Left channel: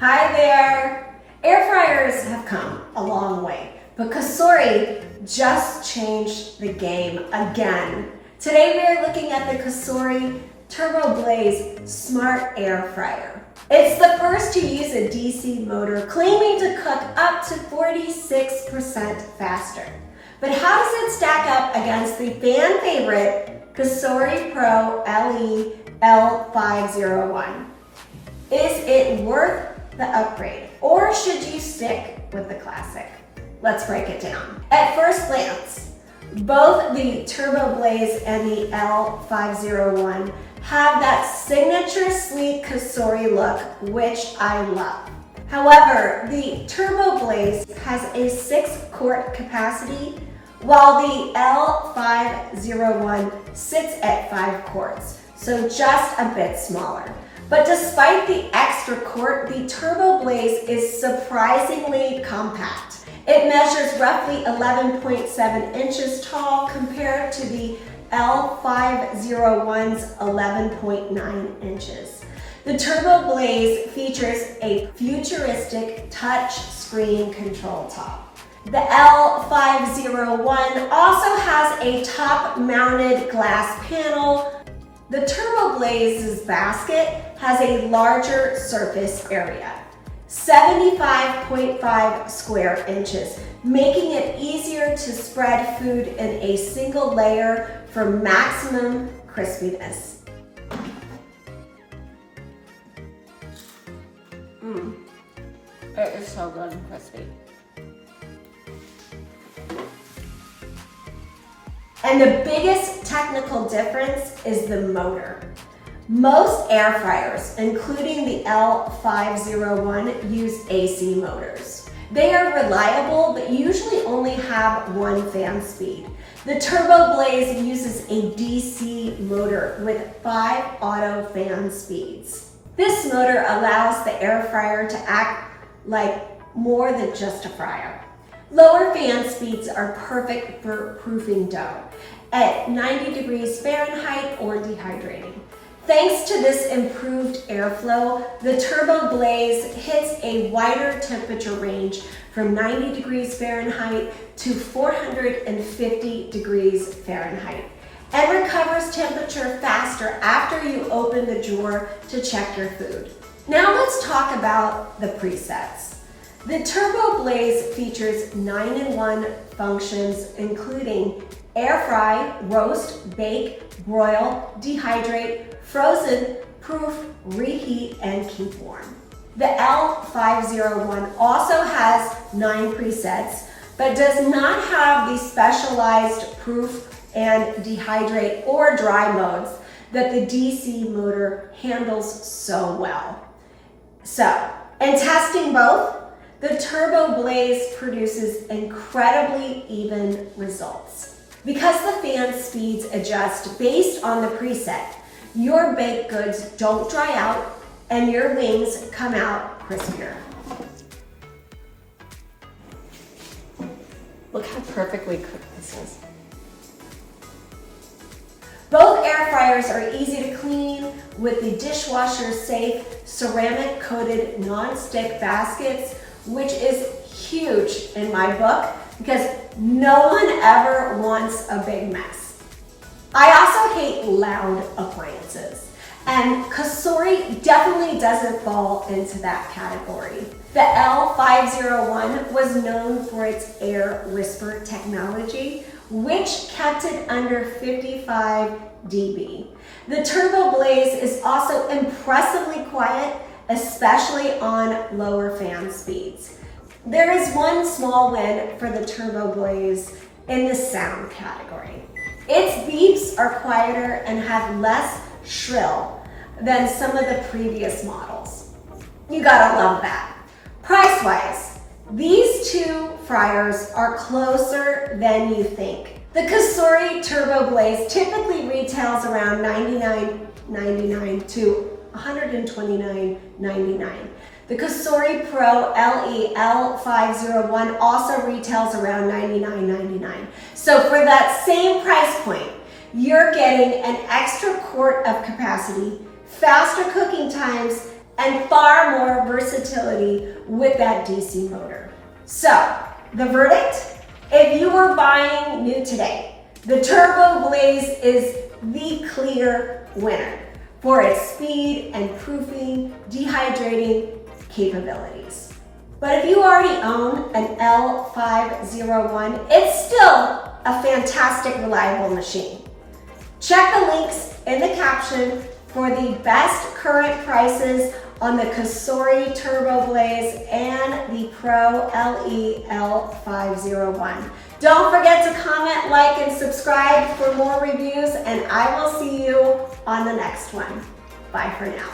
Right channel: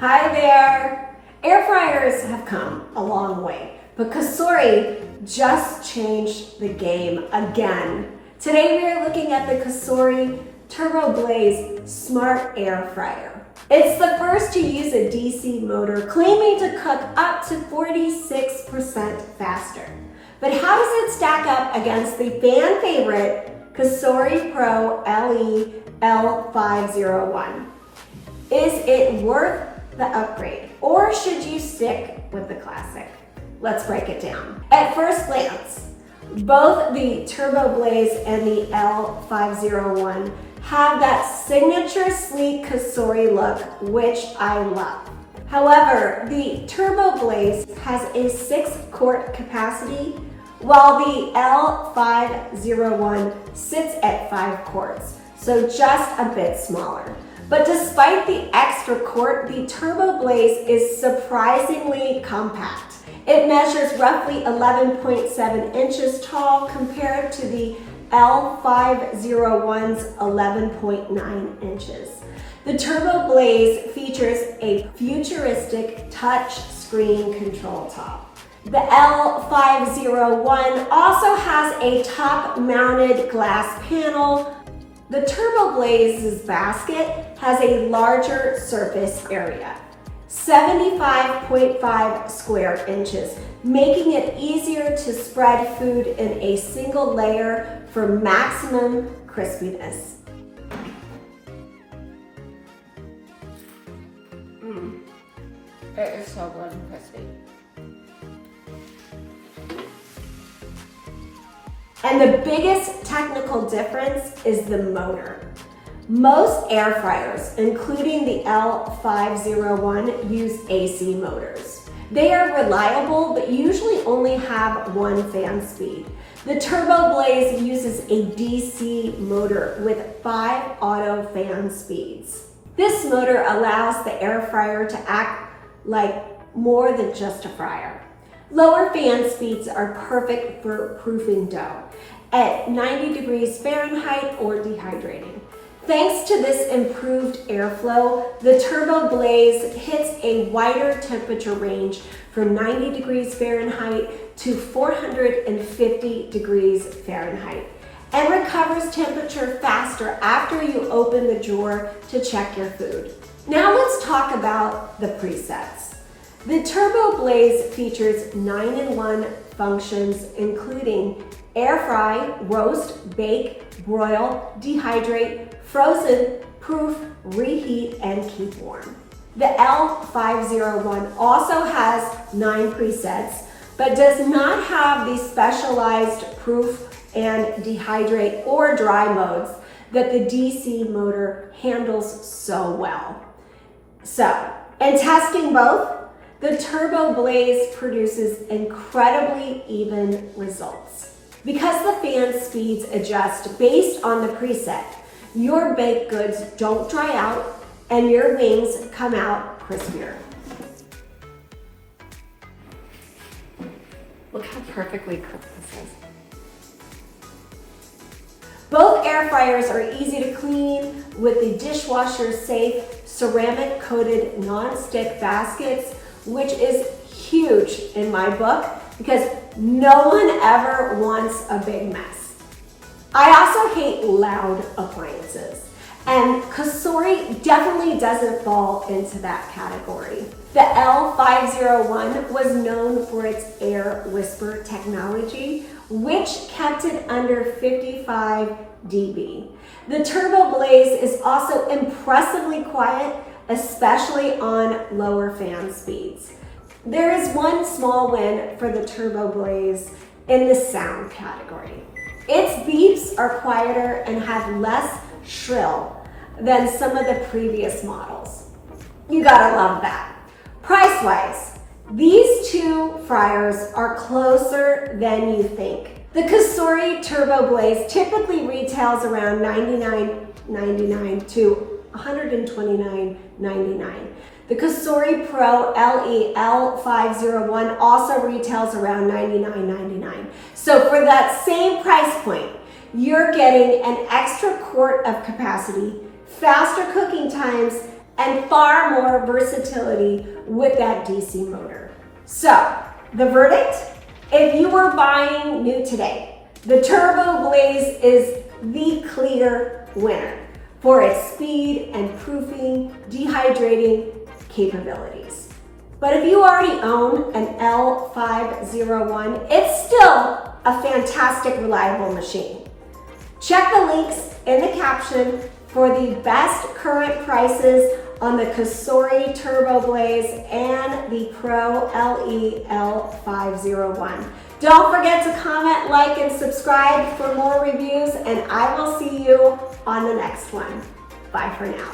Hi there! Air fryers have come a long way, but Cosori just changed the game again. Today we are looking at the Cosori TurboBlaze Smart Air Fryer. It's the first to use a DC motor, claiming to cook up to 46% faster. But how does it stack up against the fan favorite Cosori Pro 𝙼𝙬𝙁 Is it worth the upgrade, or should you stick with the classic? Let's break it down. At first glance, both the TurboBlaze and the 𝙼𝙬𝙁 have that signature sleek Cosori look, which I love. However, the TurboBlaze has a 6-quart capacity, while the 𝙼𝙬𝙁 sits at 5 quarts, so just a bit smaller. But despite the extra quart, the TurboBlaze is surprisingly compact. It measures roughly 11.7 inches tall compared to the 𝙼𝙬𝙁's 11.9 inches. The TurboBlaze features a futuristic touch screen control top. The 𝙼𝙬𝙁 also has a top-mounted glass panel. The TurboBlaze's basket has a larger surface area, 75.5 square inches, making it easier to spread food in a single layer for maximum crispiness. It is so good and crispy. And the biggest technical difference is the motor. Most air fryers, including the 𝙼𝙬𝙁, use AC motors. They are reliable, but usually only have 1 fan speed. The TurboBlaze uses a DC motor with 5 auto fan speeds. This motor allows the air fryer to act like more than just a fryer. Lower fan speeds are perfect for proofing dough at 90 degrees Fahrenheit or dehydrating. Thanks to this improved airflow, the TurboBlaze hits a wider temperature range from 90 degrees Fahrenheit to 450 degrees Fahrenheit and recovers temperature faster after you open the drawer to check your food. Now let's talk about the presets. The TurboBlaze features 9-in-1 functions, including air fry, roast, bake, broil, dehydrate, frozen, proof, reheat, and keep warm. The 𝙼𝙬𝙁 also has 9 presets, but does not have the specialized proof and dehydrate or dry modes that the DC motor handles so well. So, in testing both, the TurboBlaze produces incredibly even results. Because the fan speeds adjust based on the preset, your baked goods don't dry out and your wings come out crispier. Look how perfectly cooked this is. Both air fryers are easy to clean with the dishwasher-safe ceramic-coated non-stick baskets, which is huge in my book because no one ever wants a big mess. I also hate loud appliances, and Cosori definitely doesn't fall into that category. The 𝙼𝙬𝙁 was known for its air whisper technology, which kept it under 55 dB. The TurboBlaze is also impressively quiet, especially on lower fan speeds. There is one small win for the TurboBlaze in the sound category. Its beeps are quieter and have less shrill than some of the previous models. You gotta love that. Price-wise, these two fryers are closer than you think. The Cosori TurboBlaze typically retails around $99.99 to $129.99. The Cosori Pro 𝙼𝙬𝙁 also retails around $99.99. So for that same price point, you're getting an extra quart of capacity, faster cooking times, and far more versatility with that DC motor. So, the verdict? If you were buying new today, the TurboBlaze is the clear winner for its speed and proofing, dehydrating capabilities. But if you already own an 𝙃𝙯-𝙀, it's still a fantastic, reliable machine. Check the links in the caption for the best current prices on the Cosori TurboBlaze and the Pro LE-L501. Don't forget to comment, like, and subscribe for more reviews, and I will see you on the next one. Bye for now.